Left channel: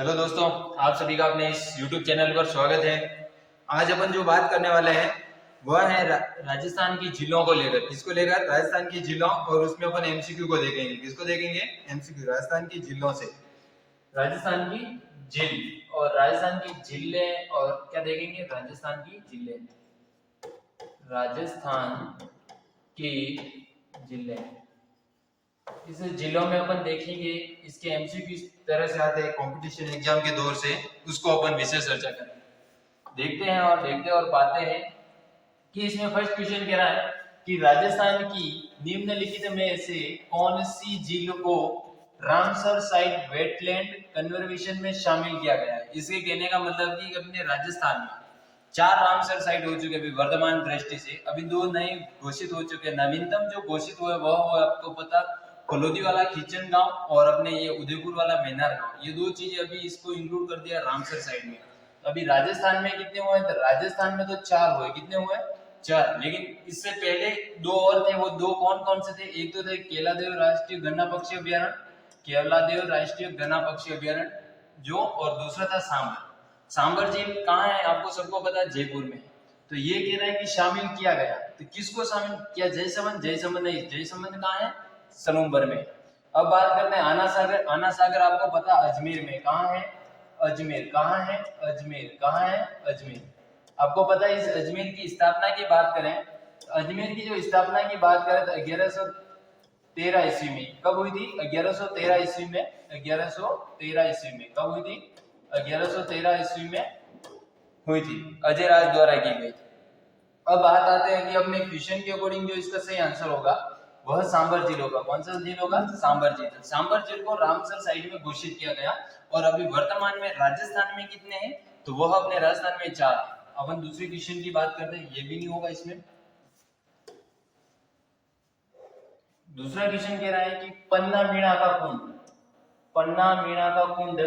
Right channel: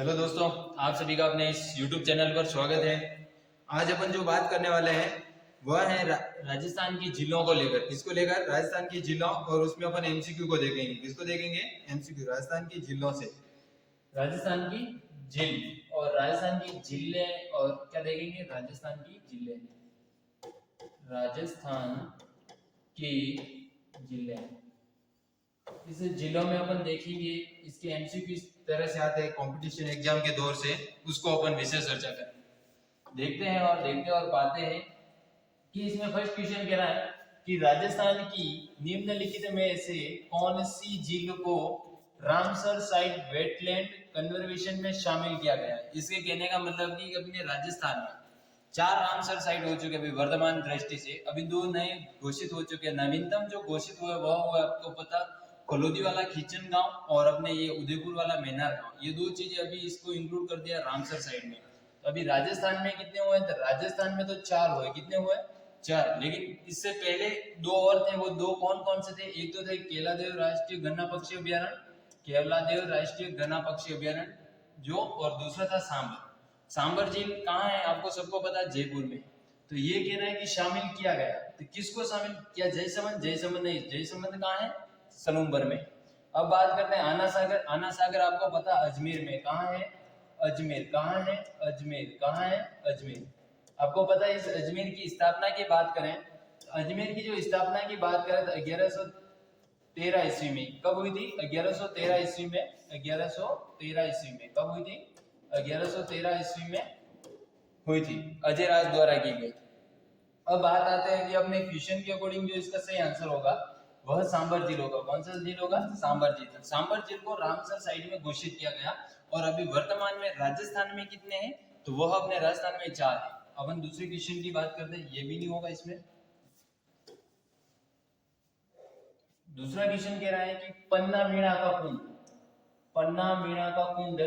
Hello दोस्तों, आप सभी का अपने इस YouTube चैनल पर स्वागत है। आज अपन जो बात करने वाले हैं वह है राजस्थान की झीलों को लेकर। किसको लेकर? राजस्थान की झीलों। और उसमें अपन एमसीक्यू को देखेंगे। किसको देखेंगे? एमसीक्यू, राजस्थान की झीलों से। राजस्थान की झील और राजस्थान की झीलें और क्या देखेंगे? राजस्थान की झीलें, राजस्थान की झीलें। इस जिलों में अपन देखेंगे इसके एमसीक्यू इस तरह से आते हैं कंपटीशन एग्जाम के दौर से, उसको अपन विशेष चर्चा करें। देखते और पाते हैं कि इसमें फर्स्ट क्वेश्चन कह रहा है कि राजस्थान की निम्नलिखित में से कौन सी झील को रामसर साइट वेटलैंड कन्जर्वेशन में शामिल किया गया है। इसके कहने का मतलब कि अपने राजस्थान में 4 रामसर साइट हो चुके अभी वर्तमान दृष्टि से, अभी 2 नए घोषित हो चुके हैं। नवीनतम जो घोषित हुआ है वह आपको पता, फलोदी वाला खींचन गांव और अपने ये उदयपुर वाला मैनार गांव, ये 2 चीजें अभी इसको इंक्लूड कर दिया रामसर साइट में। अभी राजस्थान में कितने हुए? तो राजस्थान में तो 4 हुए। कितने हुए? 4। लेकिन इससे पहले 2 और थे। वो 2 कौन कौन से थे? एक तो थे केलादेव राष्ट्रीय गन्ना पक्षी अभ्यारण्य, केवलादेव राष्ट्रीय गन्ना पक्षी अभ्यारण्य जो, और दूसरा था सांबर। सांबर झील कहाँ है? आपको सबको पता है, जयपुर में। तो ये कह रहा है कि शामिल किया गया। तो किसको शामिल किया? जयसमंद। जयसमंद नहीं, जयसमंद कहाँ है? सलूम्बर में। अब बात करते हैं आना सागर। आना सागर आपको पता अजमेर में। कहाँ है? अजमेर। कहाँ है? अजमेर। कहाँ है? अजमेर। आपको पता है इस अजमेर की स्थापना की बात करें, अजमेर की जो स्थापना की बात करें तो 1113 ईस्वी में। कब हुई थी? 1113 ईस्वी में। 1113 ईस्वी में कब हुई थी? 1113 ईस्वी में हुई थी, अजय राज द्वारा की गई। अब बात आते हैं कि अपने क्वेश्चन के अकॉर्डिंग जो इसका सही आंसर होगा वह सांबर झील होगा। कौन सा झील होगा? सांबर झील। सांबर झील को रामसर साइट में घोषित किया गया। और अभी वर्तमान में राजस्थान में कितने हैं? तो वह अपने राजस्थान में 4 है। अपन दूसरे क्वेश्चन की बात करते हैं, ये भी नहीं होगा इसमें। दूसरा क्वेश्चन कह रहा है कि पन्ना मीणा का कुंड, पन्ना मीणा का कुंड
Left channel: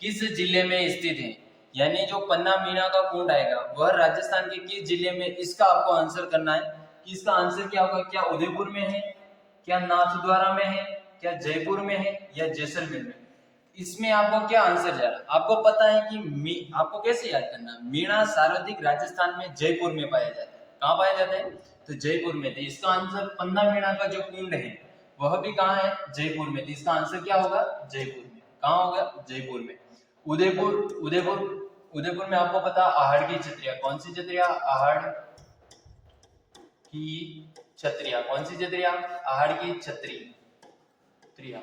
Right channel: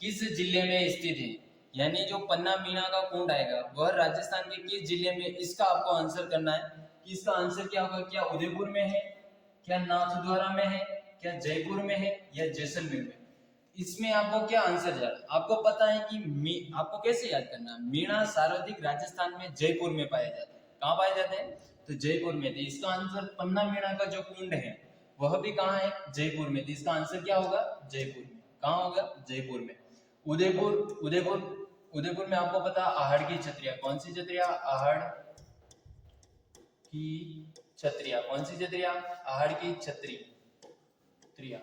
किस जिले में स्थित है? यानी जो पन्ना मीणा का कुंड आएगा वह राजस्थान के किस जिले में, इसका आपको आंसर करना है कि इसका आंसर क्या होगा। क्या उदयपुर में है, क्या नाथद्वारा में है, क्या जयपुर में है, या जैसलमेर में? इसमें आपको क्या आंसर जा रहा है? आपको पता है कि आपको कैसे याद करना है, मीणा सर्वाधिक राजस्थान में जयपुर में पाया जाता है। कहाँ पाया जाता है? तो जयपुर में। तो इसका आंसर पन्ना मीणा का जो कुंड है वह भी कहाँ है? जयपुर में। तो इसका आंसर क्या होगा? जयपुर में। कहाँ होगा? जयपुर में। उदयपुर, उदयपुर में आपको पता आहड़ की छतरिया। कौन सी छतरिया? आहड़ की छतरिया। कौन सी छतरिया? आहड़ की छतरिया।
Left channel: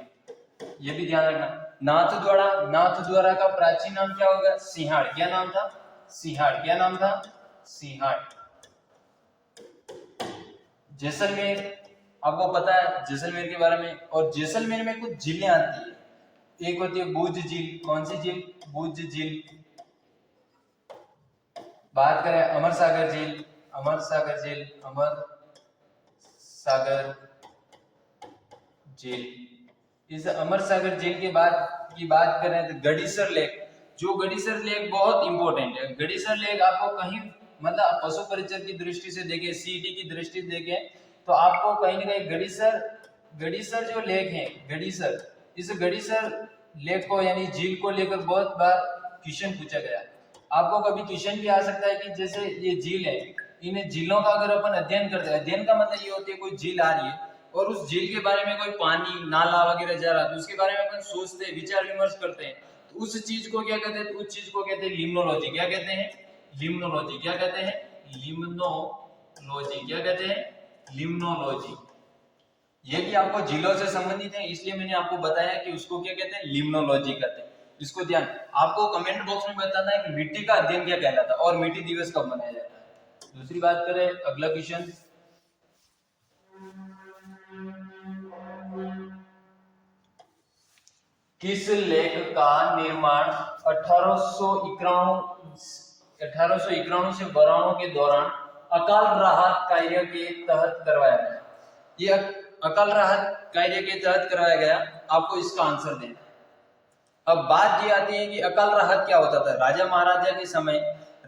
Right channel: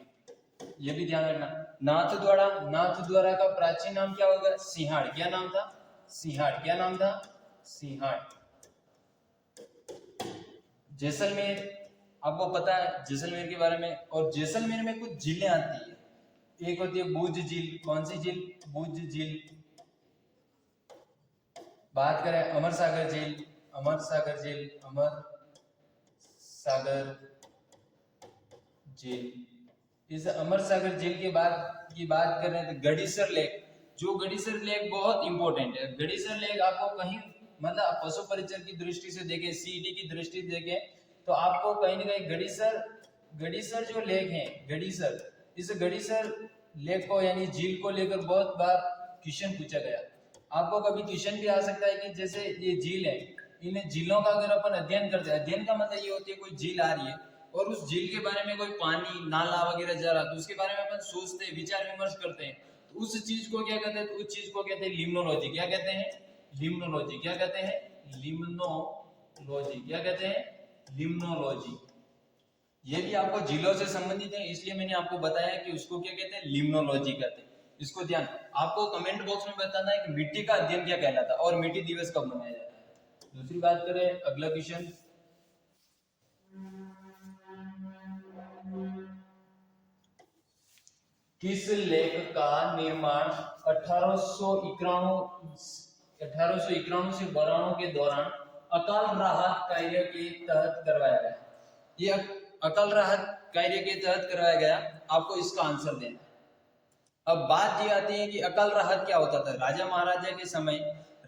ये भी ध्यान रखना। नाथद्वारा, नाथद्वारा का प्राचीन नाम क्या होगा? सिंहाड़। क्या नाम था? सिंहाड़। क्या नाम था? सिंहाड़। जैसलमेर, आपको पता है जैसलमेर के बारे में। और जैसलमेर में कुछ झीलें आती है। एक होती है भुज झील। कौन सी झील? भुज झील। बात करें अमर सागर झील, अमर सागर झील, अमर सागर झील। इस अमर सागर झील के बाद की बात करें तो गड़ीसर लेक। जो गड़ीसर लेक बहुत इंपॉर्टेंट है। गड़ीसर लेक आपको कहीं, मतलब पशु परिचर की दृष्टि से देखें, सीडी की दृष्टि से देखें, तो आपको कहीं ना कहीं गड़ीसर जो लेक है, गड़ीसर, इस गड़ीसर लेक को यानी झील को लेकर बहुत बार क्वेश्चन पूछा गया। आपको कभी क्वेश्चन भी आ सकता है कि जैसे ये झील है, इन झीलों का अगर अपन अध्ययन करते हैं, अध्ययन का मतलब ये होती है कोई झील आ रही है और उस झील के बारे में कोई पानी नाला वगैरह जा रहा है तो उसके बारे में अपन सोचते हैं, विचार विमर्श करते हैं, तो उस चीज को क्या कहते हैं? तो उस चीज को कहते हैं लिम्नोलॉजी। क्या कहते हैं? लिम्नोलॉजी। क्या कहते हैं? लिम्नोलॉजी। क्या कहते हैं? लिम्नोलॉजी। ये भी आपको झीलों से संबंधित है, इसलिए मैंने आपको बताया कि उसको क्या कहते हैं? लिम्नोलॉजी कहते हैं। इसको ध्यान, आपको कमेंट बॉक्स में बताना है कि मिट्टी का अध्ययन क्या कहलाता है और मिट्टी दिवस कब मनाया जाता है। दूसरी बात करें, अगला क्वेश्चन, किस लेख का निर्माण 1891 से 92 के दौरान अकाल राहत कार्य के तहत करवाया गया? ये अकाल राहत कार्य के तहत करवाया गया। आपको इसका आंसर देना है। अब बात ये आती है कि अकाल राहत क्या होता था? राजा महाराजा के समय,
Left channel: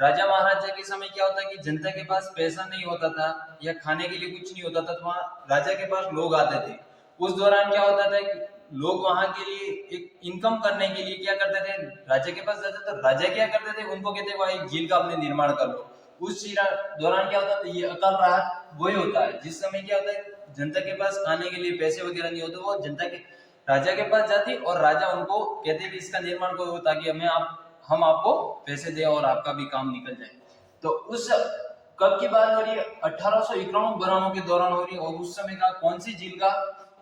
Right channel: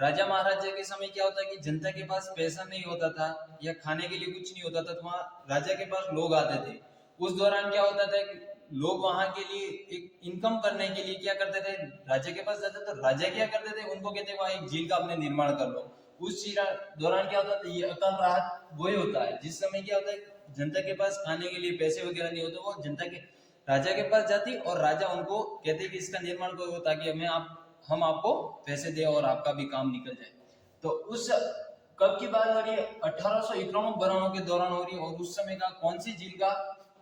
राजा महाराजा के समय क्या होता है कि जनता के पास पैसा नहीं होता था या खाने के लिए कुछ नहीं होता था, तो वहां राजा के पास लोग आते थे। उस दौरान क्या होता था कि लोग वहां के लिए एक इनकम करने के लिए क्या करते थे, राजा के पास जाते तो राजा क्या करते थे, उनको कहते वह एक झील का अपने निर्माण कर लो। उस दौरान क्या होता था, ये अकाल राहत वही होता है जिस समय क्या होता है जनता के पास खाने के लिए पैसे वगैरह नहीं होते, वो जनता के राजा के पास जाती और राजा उनको कहते कि इसका निर्माण करो ताकि हम आपको पैसे दें और आपका भी काम निकल जाए। तो उस कब की बात हो रही है, 1851 बरानों के दौरान हो रही है। और उस समय का कौन सी झील का,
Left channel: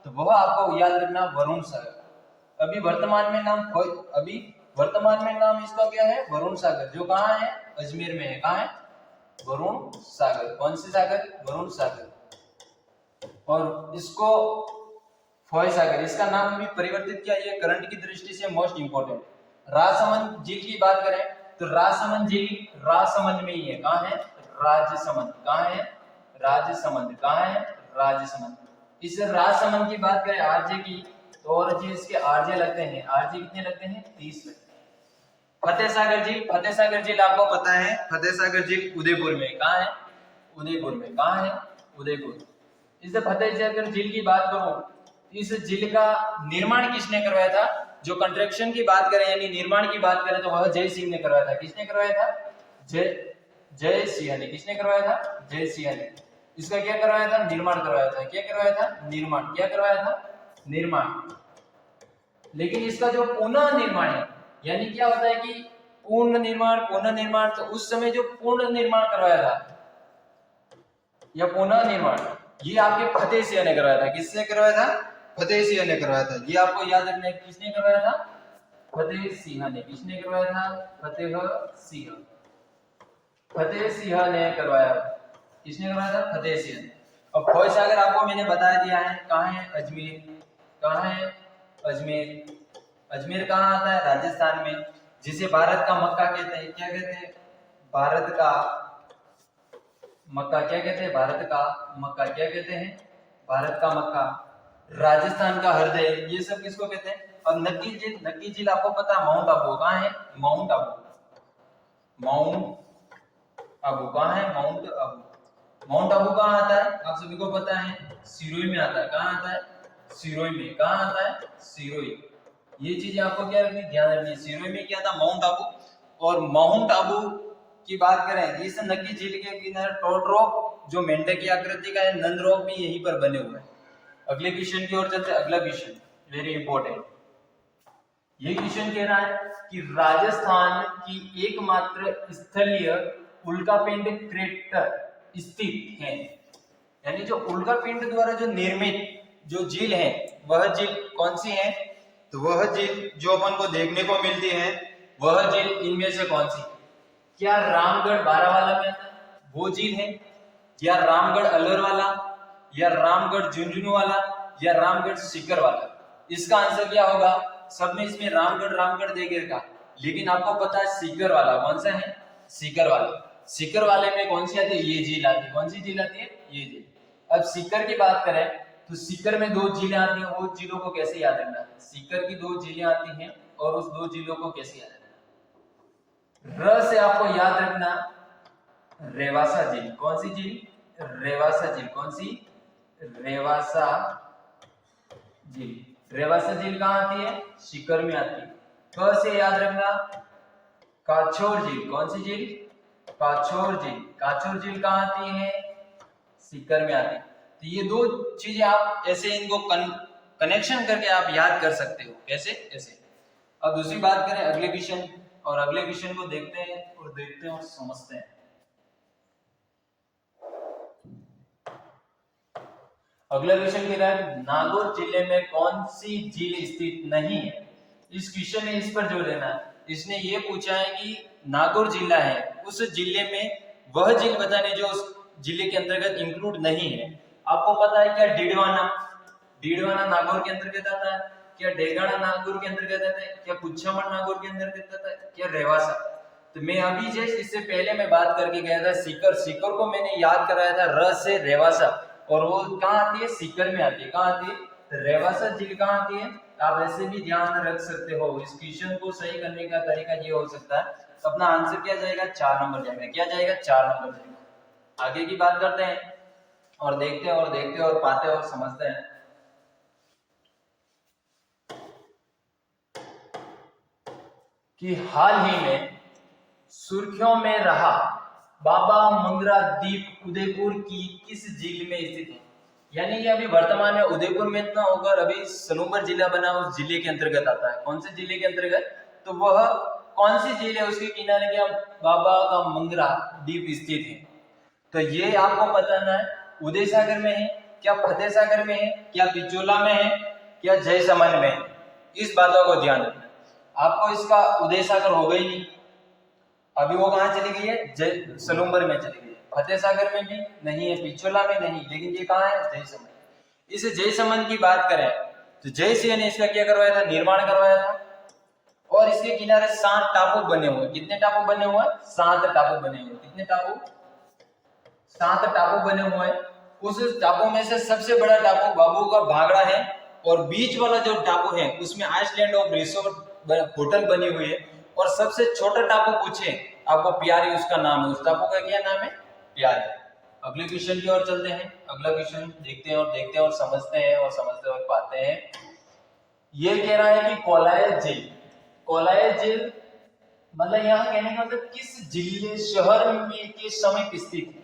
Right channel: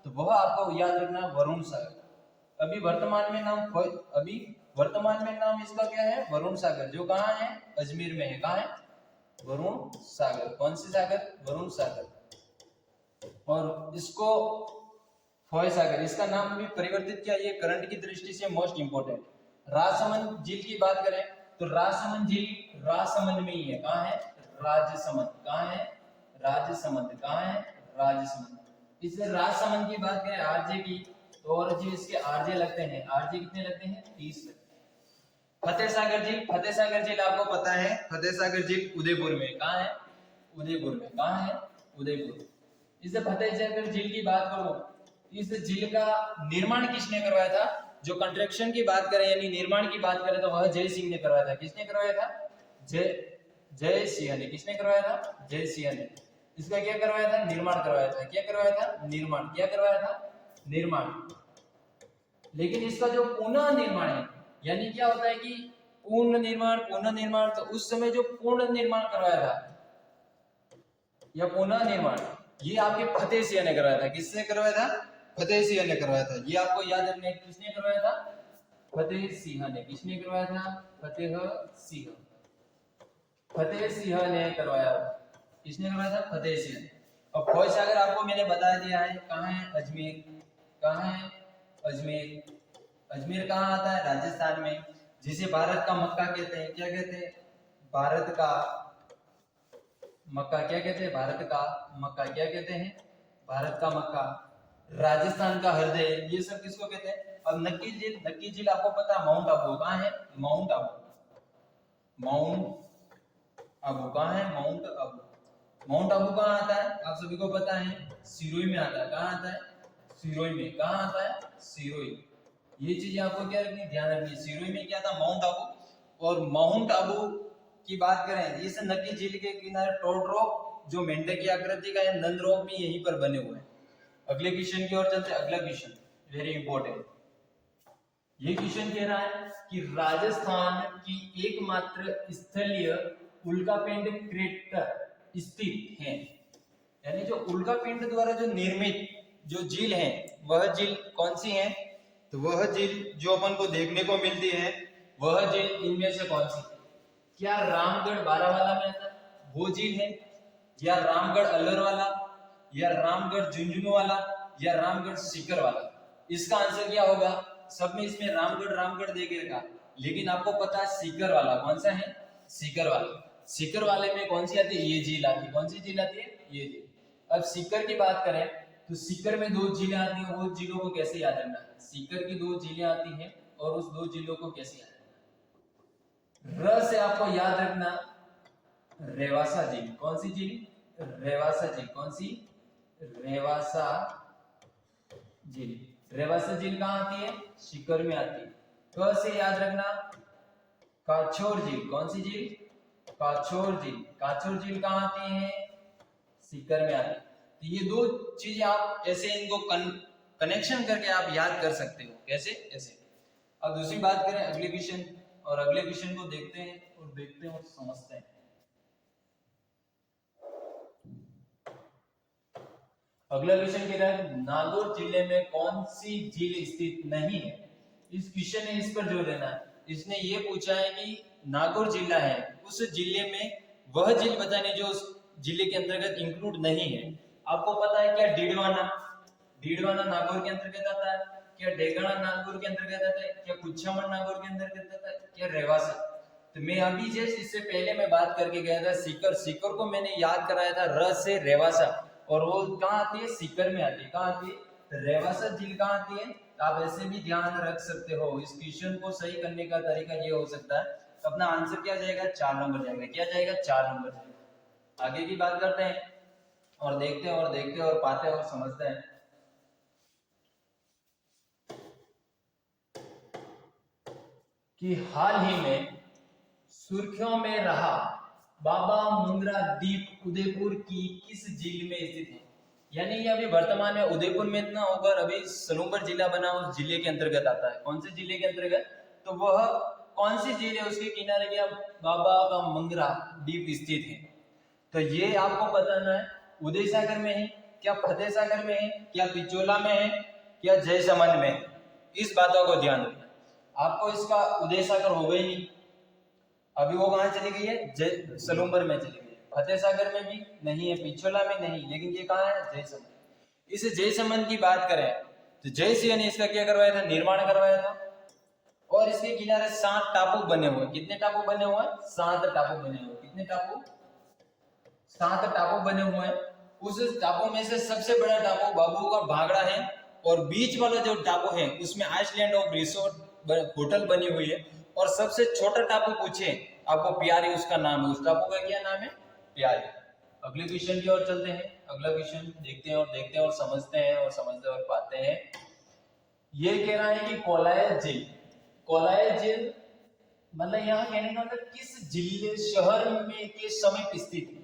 तो वह आपको याद रखना वरुण सागर। अभी वर्तमान में नाम इसका क्या है, वरुण सागर, जो कहाँ है, अजमेर में है। कहाँ है, वरुण सागर। कौन सी सागर, वरुण सागर। और इसको फॉय सागर, इसका नाम भी परिवर्तित किया, ये करंट की दृष्टि से मोस्ट इंपोर्टेंट। राजसमंद झील की बात करें तो राजसमंद झील राजसमंद में ही है। कहाँ है, राजसमंद। कहाँ है, राजसमंद। कहाँ है, राजसमंद। इस राजसमंद की बात करें आरजे की, तो और जी इसके आरजे लगते हैं, आरजे कितने लगते हैं, 30 लगते हैं। फतेह सागर झील आपको पता है, फतेह सागर झील उदयपुर में। कहाँ है, उदयपुर में। कहाँ है, उदयपुर। इस फतेह सागर झील की बात करूं, इस झील का निर्माण किसने करवाया था, जो कंस्ट्रक्शन की बात करें यानी निर्माण की बात करें तो वह जय सिंह ने करवाया था। किसने करवाया था, जय सिंह ने। किसने करवाया था, जय सिंह ने। इसका क्या करवाया था, निर्माण करवाया था। क्या करवाया था, निर्माण। क्या करवाया था, निर्माण। लेकिन इसका जो पुनः निर्माण है, यानी क्या होता है कि पूर्ण निर्माण, तो उस समय जो पूर्ण निर्माण करवाया था या पुनः निर्माण, ये आपके फतेह सिंह ने करवाया था। किसने करवाया था, फतेह सिंह ने करवाया था। ये आपको याद रखना है, किसने करवाया था, फतेह सिंह ने। किसने करवाया था, फतेह सिंह। फतेह सिंह ने करवाया। किसने करवाया था, फतेह सिंह ने। अब फौज सागर आपको मैंने बता दिया है, कहाँ है, अजमेर। कहाँ है, अजमेर। अजमेर कहाँ आता है, राजस्थान में, जिसे भारत का मक्का कहते हैं। क्या कहते हैं, भारत का मक्का। क्या कहते हैं, भारत का मक्का। क्या कहते हैं, भारत का मक्का। राजस्थान का हृदय, ये सब किसको कहते हैं। अब नक्की झील आपको पता है, माउंट आबू। कहाँ है, माउंट आबू। कहाँ है, माउंट आबू। माउंट आबू कहाँ आता है, आप सभी को पता है, सिरोही में आता है। कहाँ आता है, सिरोही में। कहाँ आता है, सिरोही। ये चीजें आपको क्या रखनी, ध्यान रखनी है। सिरोही में क्या था, माउंट आबू। और माउंट आबू की बात करें, इस नक्की झील के किनारे टोड रॉक, जो मेंढक की आकृति का है, नंद रॉक भी यहीं पर बने हुए हैं। अगले क्वेश्चन की ओर चलते हैं। अगला क्वेश्चन वेरी इंपॉर्टेंट। ये क्वेश्चन कह रहा है कि राजस्थान की एकमात्र स्थलीय उल्कापिंड क्रेटर स्थित है, यानी जो उल्कापिंड द्वारा जो निर्मित जो झील है, वह झील कौन सी है, तो वह झील जो अपन को देखने को मिलती है, वह झील इनमें से कौन सी। क्या रामगढ़ बारावाला में आता है वो झील है, या रामगढ़ अलवर वाला, या रामगढ़ झुंझुनू वाला, या रामगढ़ सीकर वाला। इसका आंसर क्या होगा, सब में इसमें रामगढ़ देके रखा, लेकिन आपको पता है सीकर वाला कौन सा है, सीकर वाला। सीकर वाले में कौन सी आती है, ये झील आती है। कौन सी झील आती है, ये झील। अब सीकर की बात करें तो सीकर में 2 झीलें आती हैं, वो झीलों को कैसे याद रखना। सीकर की 2 झीलें आती हैं और उस 2 झीलों को कैसे याद रखना। र से आपको याद रखना रेवासा झील। कौन सी झील, रेवासा झील। कौन सी, रेवासा झील। रेवासा झील कहाँ आती है, सीकर में आती है। क से याद रखना काछोर झील। कौन सी झील, काछोर झील। काछोर झील कहाँ आती है, सीकर में आती है। तो ये 2 चीजें आप ऐसे इनको कनेक्शन करके आप याद कर सकते हो, कैसे, ऐसे। अब दूसरी बात करें अगले क्वेश्चन, और अगले क्वेश्चन को देखते हैं और समझते हैं। अगला क्वेश्चन कह रहा है नागौर जिले में कौन सी झील स्थित नहीं है। इस क्वेश्चन में इस पर जोर देना है। इसने ये पूछा है कि नागौर जिला है, उस जिले में वह झील बताने जो उस जिले के अंतर्गत इंक्लूड नहीं है। आपको पता है क्या, डीडवाना नागौर के अंतर्गत आता है, क्या डेगाना नागौर के अंतर्गत आता है, क्या कुछामन नागौर के अंतर्गत आता है, क्या रेवासा। तो मैं अभी जस्ट इससे पहले मैं बात करके गया था सीकर को मैंने याद कराया था र से रेवासा, और वो कहाँ आती है, सीकर में आती है। कहाँ आती है, तो रेवासा झील कहाँ आती है। आप ऐसे भी ध्यान रख सकते हो। इस क्वेश्चन को सही करने का तरीका ये हो सकता है, अपना आंसर क्या जाएगा, 4 नंबर जाएगा। क्या जाएगा, 4 नंबर जाएगा। आगे की बात करते हैं और देखते हैं और पाते हैं और समझते हैं। कि हाल ही में सुर्खियों में रहा बाबा मंगरा द्वीप उदयपुर की किस झील में स्थित है? यानी ये अभी वर्तमान में उदयपुर में इतना होकर अभी सलूम्बर जिला बना, उस जिले के अंतर्गत आता है। कौन से जिले के अंतर्गत? तो वह कौन सी झील है उसके किनारे क्या बाबा का मंगरा द्वीप स्थित है? तो ये आपको बताना है। उदय सागर में है क्या, फतेह सागर में है क्या, पिचोला में है क्या, जयसमंद में है? इस बातों को ध्यान रखना। आपको इसका उदय सागर हो गई नहीं, अभी वो कहाँ चली गई है? सलूम्बर में चली गई है। फतेह सागर में भी नहीं है, पिचोला में नहीं, लेकिन ये कहाँ है? जयसमंद। इस जयसमंद की बात करें तो जय सिंह ने इसका क्या करवाया था? निर्माण करवाया था। और इसके किनारे 7 टापू बने हुए। कितने टापू बने हुए? 7 टापू बने हुए। कितने टापू? 7 टापू बने हुए हैं। उस टापू में से सबसे बड़ा टापू बाबू का भागड़ा है, और बीच वाला जो टापू है उसमें आइसलैंड ऑफ रिसोर्ट होटल बनी हुई है। और सबसे छोटा टापू पूछे आपको, प्यारी उसका नाम है। उस टापू का क्या नाम है? प्यारी। अगले क्वेश्चन की ओर चलते हैं। अगला क्वेश्चन देखते हैं और समझते हैं और समझते और पाते हैं। ये कह रहा है कि कोलाय झील, कोलाय झील मतलब यहाँ कहने का मतलब किस जिले शहर में के समय स्थित है?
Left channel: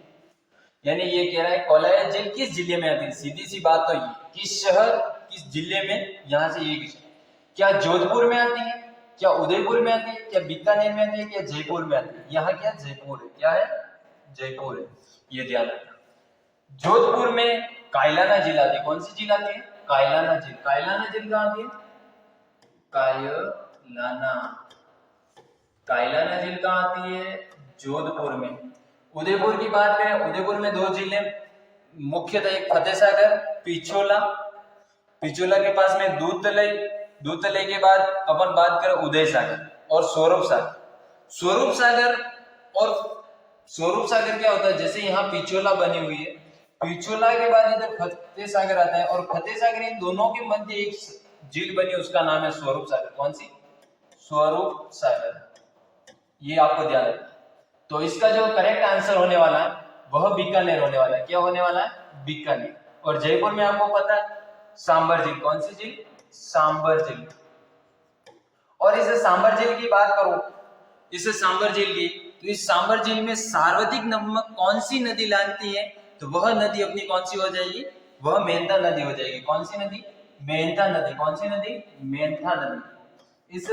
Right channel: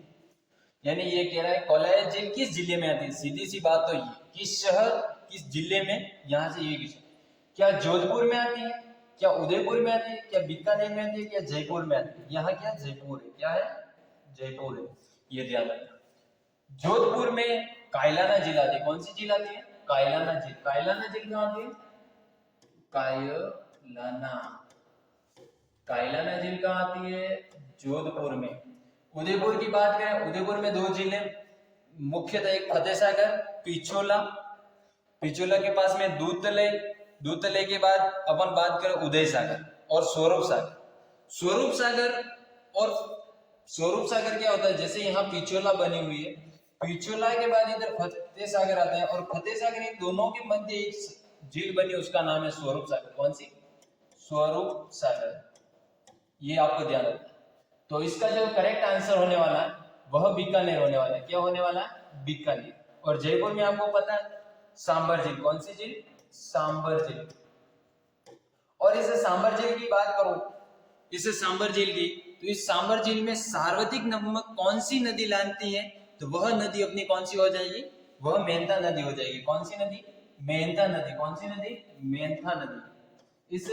यानी ये कह रहा है कोलाय झील किस जिले में आती है? सीधी सी बात तो ये, किस शहर किस जिले में, यहाँ से ये क्वेश्चन। क्या जोधपुर में आती है, क्या उदयपुर में आती है, क्या बीकानेर में आती है, क्या जयपुर में आती है? यहाँ क्या जयपुर है? क्या है? जयपुर है। ये ध्यान रखना। जोधपुर में कायलाना झील आती है। कौन सी झील आती है? कायलाना झील। कायलाना झील कहाँ आती है? कायलाना। कायलाना झील कहाँ आती है? जोधपुर में। उदयपुर की बात करें, उदयपुर में 2 झीलें मुख्यतः, एक फतेह सागर, पिछोला। पिछोला के पास में दूधतलई, दूधतलई के बाद अपन बात करें उदय सागर और स्वरूप सागर। स्वरूप सागर और स्वरूप सागर क्या होता है? जैसे यहाँ पिछोला बनी हुई है, पिछोला के बाद इधर फतेह सागर आता है, और फतेह सागर, इन दोनों के मध्य एक झील बनी, उसका नाम है स्वरूप सागर। कौन सी? स्वरूप सागर। ये आपको ध्यान रखना। तो इसका जो करेक्ट आंसर होने वाला है वह बीकानेर होने वाला है। क्या होने वाला है? बीकानेर। और जयपुर में आपको पता है सांबर झील। कौन सी झील? सांबर झील। और इस सांबर झील की बात करूं, इस सांबर झील की, तो इस सांबर झील में सार्वधिक नमक कौन सी नदी लाती है? तो वह नदी अपनी कौन सी हो जाएगी? वह मेंथा नदी हो जाएगी। कौन सी नदी? मेंथा नदी। कौन सी नदी? मेंथा नदी। इस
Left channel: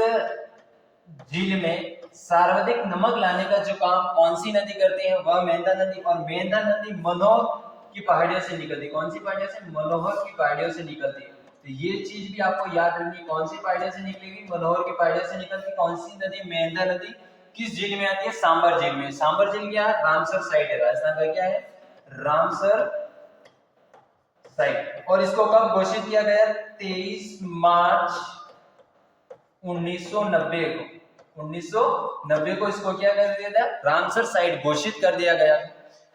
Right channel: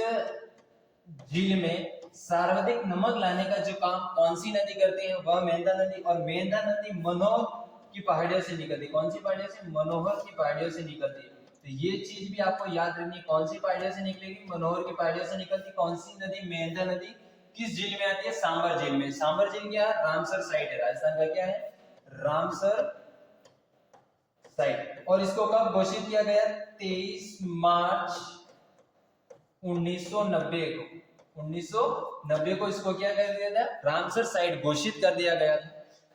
झील में सर्वाधिक नमक लाने का जो काम कौन सी नदी करती है? वह मेंथा नदी। और मेंथा नदी मनोहर की पहाड़ियों से निकलती है। कौन सी पहाड़ियों से? मनोहर की पहाड़ियों से निकलती है। तो ये चीज भी आपको याद रखनी, कौन सी पहाड़ियों से निकलेगी? मनोहर की पहाड़ियों से निकलती। कौन सी नदी? मेंथा नदी। किस झील में आती है? सांबर झील में। सांबर झील क्या है? रामसर साइड है। राजस्थान का क्या है? Ramsar side. और इसको कब घोषित किया गया? 23 मार्च 1990 को। 1990 को इसको क्या कर दिया था? रामसर साइट घोषित कर दिया गया।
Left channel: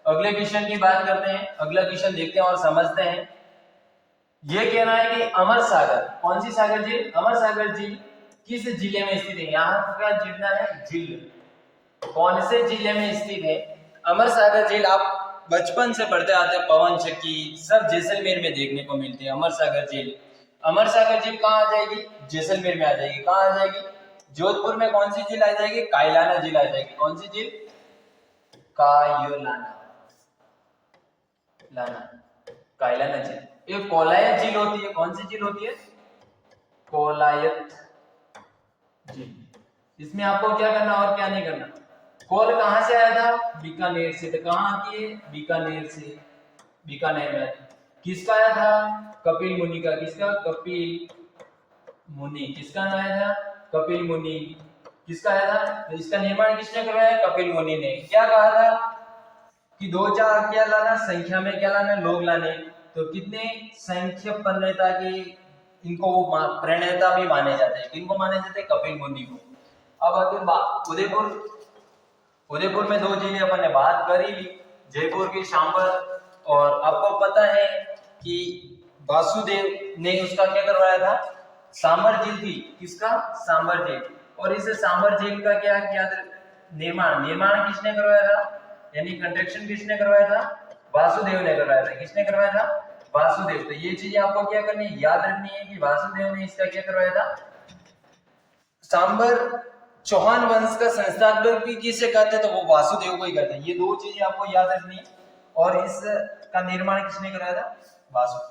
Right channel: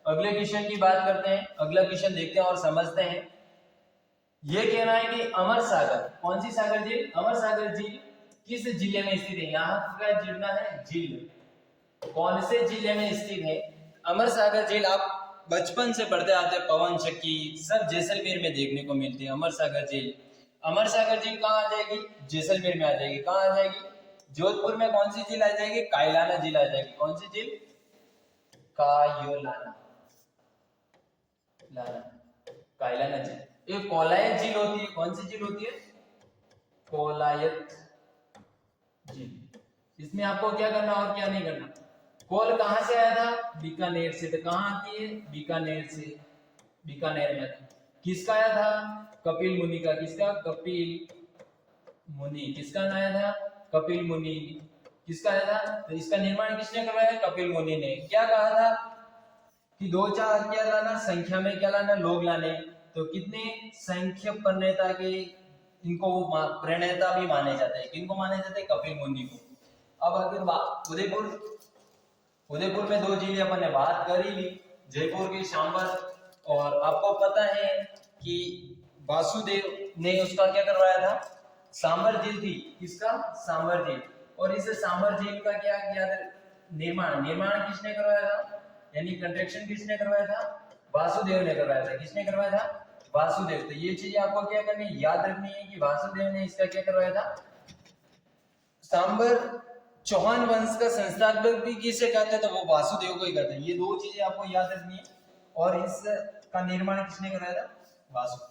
अगले क्वेश्चन की बात करते हैं। अगला क्वेश्चन देखते हैं और समझते हैं। ये कह रहा है कि अमर सागर, कौन सी सागर झील? अमर सागर झील किस जिले में स्थित है? यहाँ क्या जुड़ना है? झील। कौन से जिले में स्थित है अमर सागर झील? आप बचपन से पढ़ते आते हैं, पवन चक्की सब जैसलमेर में देखने को मिलती है। अमर सागर झील, अमर सागर झील कहाँ आ जाएगी? जैसलमेर में आ जाएगी। कहाँ आ जाएगी? जोधपुर में कौन सी झील आ जाएगी? कायलाना झील आ जाएगी। कौन सी झील? कायलाना, कायलाना झील। एक कोलायत झील होती है। कौन सी झील होती है? कोलायत झील। इसमें आपको क्या करना और क्या नहीं करना। कोल कहां से आया था? बीकानेर से। तो कहां आती है? बीकानेर से। बीकानेर में आती है। किसका आया था? कपिल मुनि का। किसका? कपिल मुनि। किसका आया था? कपिल मुनि। किसका आया था? तो इसका निर्माण किसने करवाया? कपिल मुनि ने। क्या कहा था कि 2-4 क्या लाना? संख्या में क्या लाना? लोग लाने। तो कितने संख्या प्रणेता के, इनको वो प्रणेता भी माने जाते हैं। किनको माने जाते हैं? कपिल मुनि को। अब अगर उदयपुर, उदयपुर में 2 जिले अपन ने बात कर ही ली, जयपुर की सांबर, और आपको पता है कि वासुदेव ने उसका क्या करवाया था? सांबर झील थी। किसका? सांबर झील। और इस सांबर झील का क्या निर्माण, निर्माण किसने करवाया था? यानी कंस्ट्रक्शन किसने करवाया था? वासुदेव ने करवाया था। किसने करवाया था? वासुदेव। तो ये चीज आपको क्या करनी, याद रखनी है कि वासुदेव ने इसका क्या करवाया था? सांबर चौहान वंश का संस्थापक भी किसे कहते हैं, तो वो वासुदेव को ही कहते हैं। ये दो चीजें आपको याद रखनी है। और इसका निर्माण किसने कराया था? वासुदेव।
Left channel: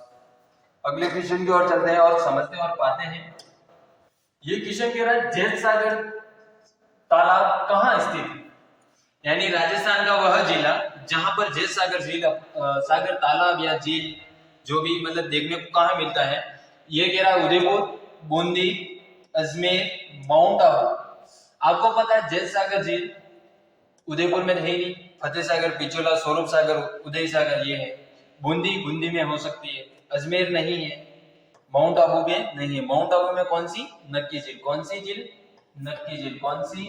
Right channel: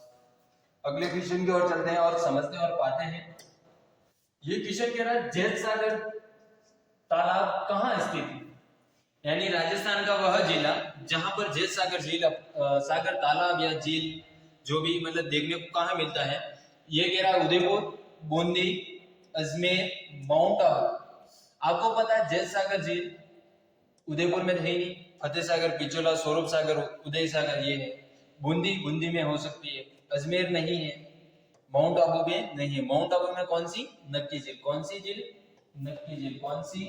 अगले क्वेश्चन की ओर चलते हैं और समझते हैं और पाते हैं। ये क्वेश्चन कह रहा है जैत सागर तालाब कहाँ स्थित है, यानी राजस्थान का वह जिला जहां पर जैत सागर झील सागर तालाब या झील जो भी मतलब देखने को कहाँ मिलता है। ये कह रहा है उदयपुर, बूंदी, अजमेर, माउंट आबू। आपको पता है जैत सागर झील उदयपुर में है ही नहीं, फतेह सागर, पिछोला, स्वरूप सागर, उदय सागर ये है। बूंदी में हो सकती है, अजमेर नहीं है, माउंट आबू में नहीं है। माउंट आबू में कौन सी? नक्की झील। कौन सी झील? नक्की झील। कौन सी?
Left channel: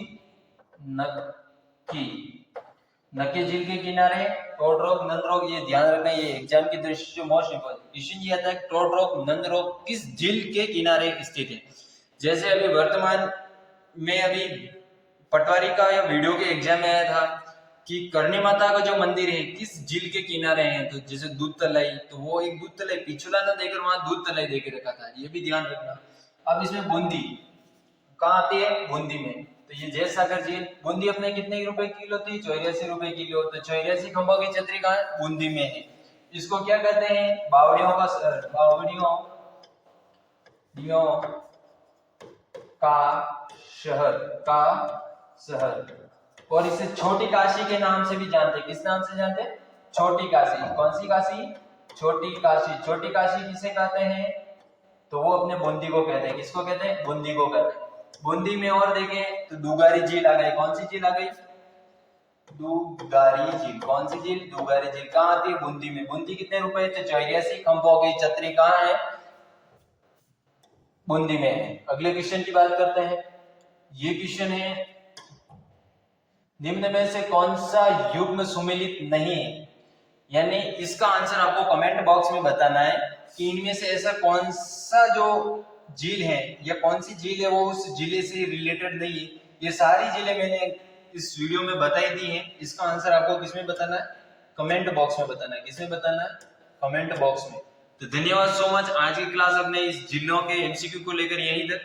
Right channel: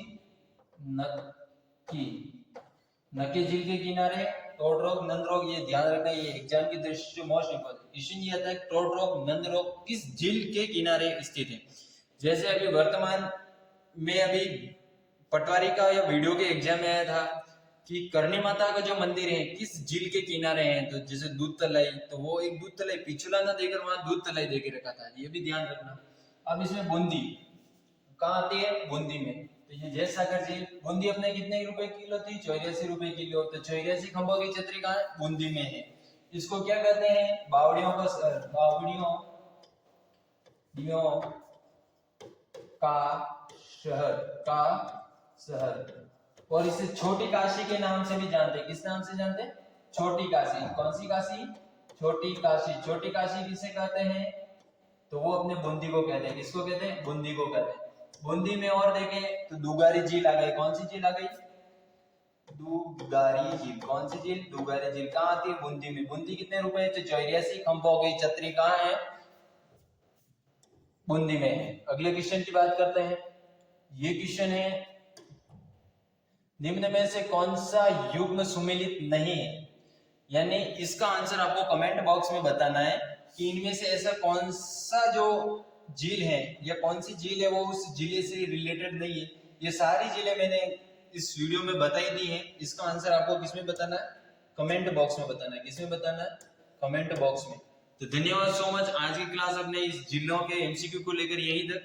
नक्की। नक्की झील के किनारे ट्रोट रोग, नंद रोग, ये ध्यान रखना, ये एग्जाम की दृष्टि से मोस्ट इंपोर्टेंट क्वेश्चन ये आता है। ट्रोट रोग, नंद रोग किस झील के किनारे स्थित है? जैसे अभी वर्तमान में अभी पटवारी का या वीडियो के एग्जाम में आया था कि करणी माता का जो मंदिर है किस झील के किनारे है, तो जैसे दूध तलाई, तो वो एक दूध तलाई पिछुला ना देकर वहां दूध तलाई देकर रखा था, ये भी ध्यान रखना। अब इसमें बूंदी कहाँ आती है? बूंदी में। तो ये जैत सागर झील, बूंदी अपने कितने रुपए किलो थी? 84 रुपए किलो। तो 84 खंभों की छतरी कहाँ है? बूंदी में है। इसको क्या कहते हैं? बावड़ियों का शहर, बावड़ियों का शहर, का शहर। और इसे छोटी काशी के नाम से भी जानते हैं। किस नाम से जानते हैं? छोटी काशी। कौन सी काशी? छोटी काशी। छोटी काशी किसे कहते हैं? तो वो अपने बूंदी को कहते हैं। किसको कहते हैं? बूंदी को कहते हैं। बूंदी में और देखें तो दुगारी झील आ गई। कौन सी झील आ गई? दुगारी झील। कौन सी झील? दुगारी झील। कहाँ आती है? बूंदी में। बूंदी कितने रुपए? 84 खंभों की छतरी कहाँ है? बूंदी में है। अगले क्वेश्चन की बात करते हैं। ये क्वेश्चन है निम्न में से कौन सा युग्म सुमेलित नहीं है, यानी इसका आंसर आपको कमेंट बॉक्स में बताना है कि इनमें से ऐसा कौन सा जो झील है या कौन सी झील है वो उस जिले से रिलेटेड नहीं है। ये सारी झीलें मैंने इस वीडियो में बताई दी हैं। इसका आंसर आपको किसमें बताना है? कमेंट बॉक्स में बताना है। किसमें बताना है? कमेंट बॉक्स में। तो धन्यवाद सो मच। आज की क्लास अपने इस जिलों के एमसीक्यू को लेकर यहीं तक।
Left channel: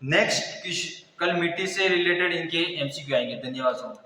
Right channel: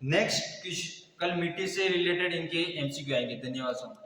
नेक्स्ट कल मिट्टी से रिलेटेड इनके एमसीक्यू आएंगे। धन्यवाद सो मच।